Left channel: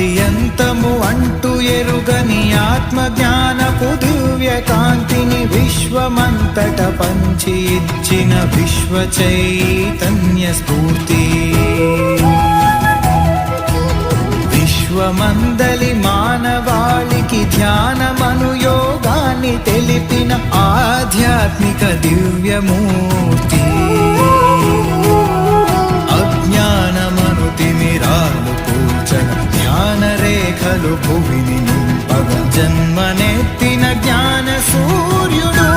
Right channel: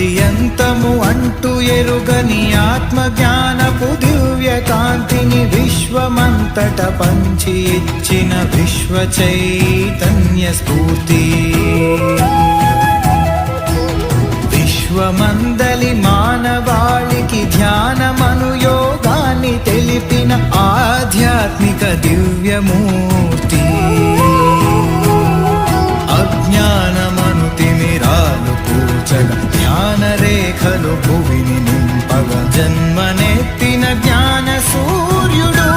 ఆది అంతము అంటూ ఎరుగని ఆత్మజ్ఞానపు దివ్య కాంతిని విశ్వమంతట పంచి ఇచ్చిన విశ్వ చైతన్య స్ఫూర్తి. విశ్వమందలి మానవాళికి ధ్యానమను యోగాన్ని తెలిపిన ఆధ్యాత్మిక దివ్యమూర్తి. అజ్ఞానమను తిమిరాలు కూల్చగా జ్ఞాన రేఖలు భువిని నింపగా జన్మనెత్తిన జ్ఞాన సూర్యుడు.